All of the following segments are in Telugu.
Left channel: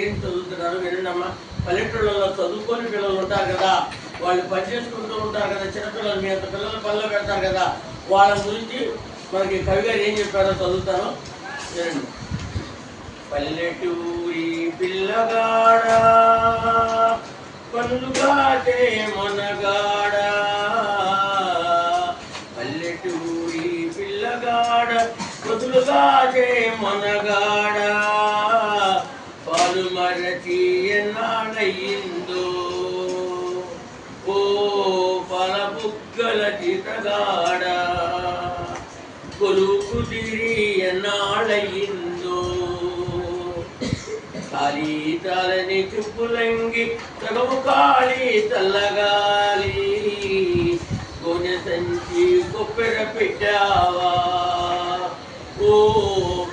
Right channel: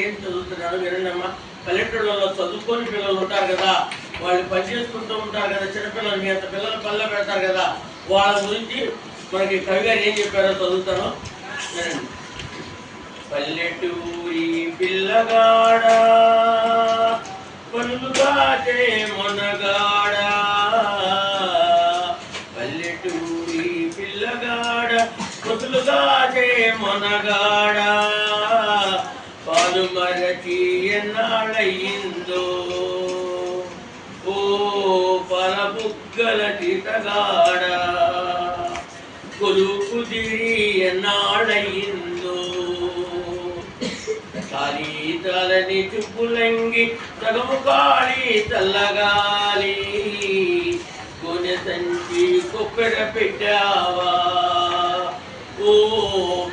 ఏం చదువుతున్నారు వినండమ్మా. పల్లెటూళ్ళలో చదువుకొని పిల్లలు ఉంటారు కదా, వాళ్ళు పనిచేసుకుంటూ ఉంటారు కదా, చిన్నపిల్లలు మీ అంత పిల్లలు పల్లె పెడతారు కదా, వాళ్ళ గురించి మనకి కవి గారు ఏం చెప్పారో చదువుతాను వినండి. పల్లెటూరి పిల్లగాడ పనులుగా మనగాడ, పల్లెటూరి పిల్లగాడ పనులుగా మనగాడ, పాలు మరచి ఎన్నాళ్ళయిందో ఓ పాల బుగ్గల చితగాడ, కొలువు కుదిరి ఎన్నాళ్ళయిందో, ఖాళీ తలని చుప్పులంగి సగము ఖాళీ చల్లగాలి, కొనె సంచి కొప్పెర పెట్టావా ఓ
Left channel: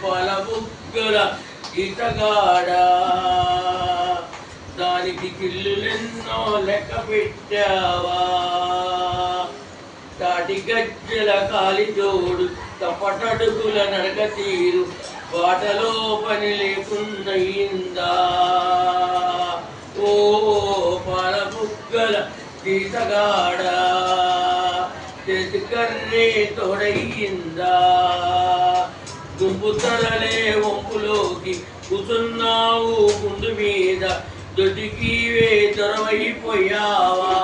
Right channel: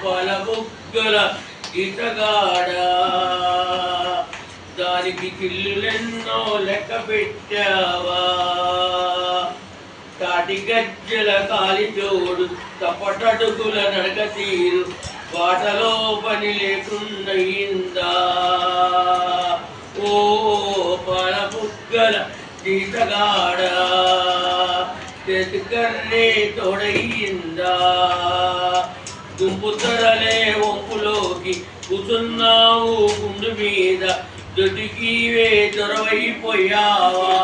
పాల బుగ్గల ఈతగాడ, దానికి కిల్లులెన్నో లెక్క పెట్టావా, తాటి గజ్జల కాలి జోడు తపటడుగుల నడక తీరు వాటలో పని లేకున్నయిందా ఓ పాల బుగ్గల ఈతగాడ, చేతికర్రే తోడయిందా, గుంపు తరలే వంపులోకి కూర్చున్నావు గుండు మీద, దొడికివే దొరవైపోయావా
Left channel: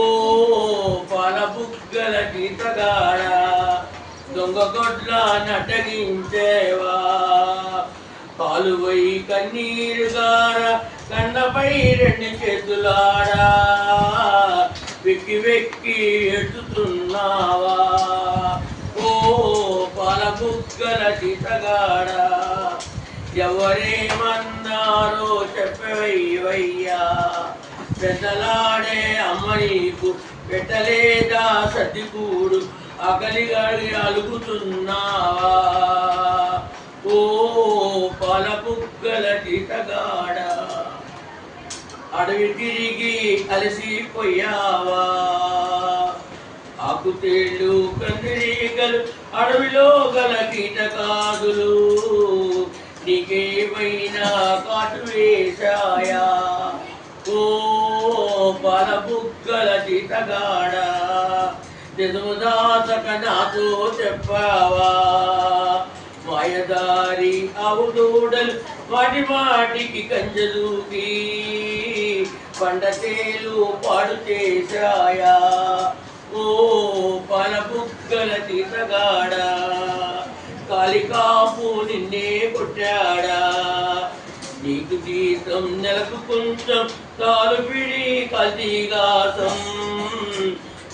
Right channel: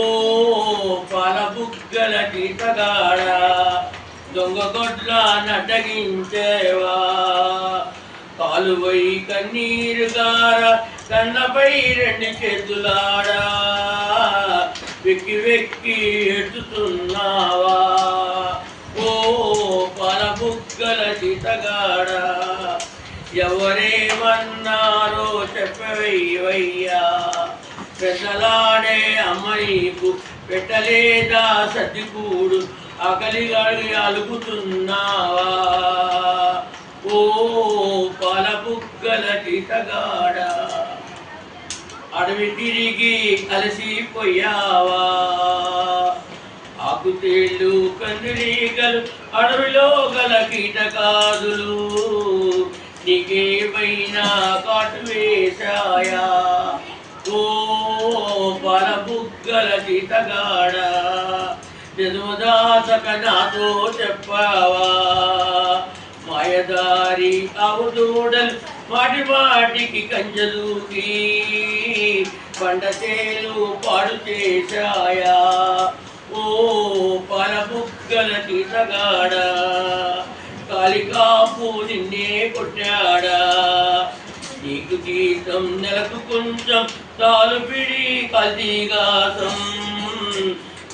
ఓ పాల బుగ్గల జీతగాడ, దొంగ గొడ్ల నటగించేవా, కాలువై కన్నీరుగార కన్నపై రెండు చేతులాడా, వెక్కి వెక్కి ఎత్తుతున్నావా ఓ పాల బుగ్గల జీతగాడ, ఎవరేమన్నారో చెప్పవయ్యా, పెద్దలాడే అమ్మ నీకు పెట్టలేదా సర్దికూడు, ఆకలిగాడి అలుగుతున్నావా ఓ పాల బుగ్గల జీతగాడ, అడవి తిరిగి అలసిపోయావా, ఆకుతేళ్ళు కందిరీగలు అడవిలో గల కీటకాదులు నీకేమైనా కాటు వేశాయా ఓ పాల బుగ్గల జీతగాడ, నిజముదాతక నాతో చెప్పావా, మాయదారి అవుదూడలు మాటి మాటికి కంజదూకి పండతేలు పాడు చేశాయా ఓ పాల బుగ్గల జీతగాడ, కాలికాపు నిన్నే కొట్టాడా, నీకు జీతం నెలకు కొంచెం తాలు పిడి కల్తీగాసం,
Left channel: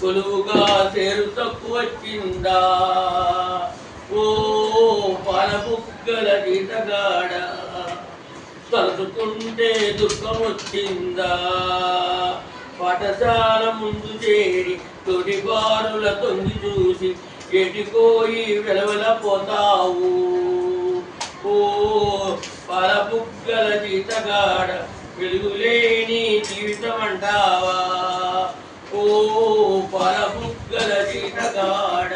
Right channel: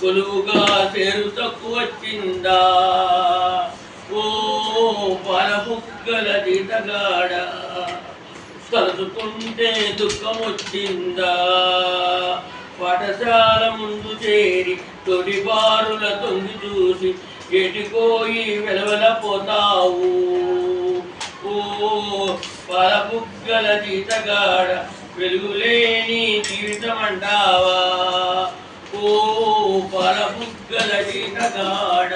కొలువుగా సేరు తక్కువ వచ్చిందా ఓ పాల బుగ్గల జీతగాడ, తలుచుకుంటే దుఃఖం వచ్చిందా, పాఠశాల ముందు చేరి తొడి బారుల తొంగి చూసి ఎటికోయి వెలవెలపోతావు ఓ పాల బుగ్గల జీతగాడ, వెలుగులేని జీవితం అంటావా ఓ పాల బుగ్గల జీతగాడ.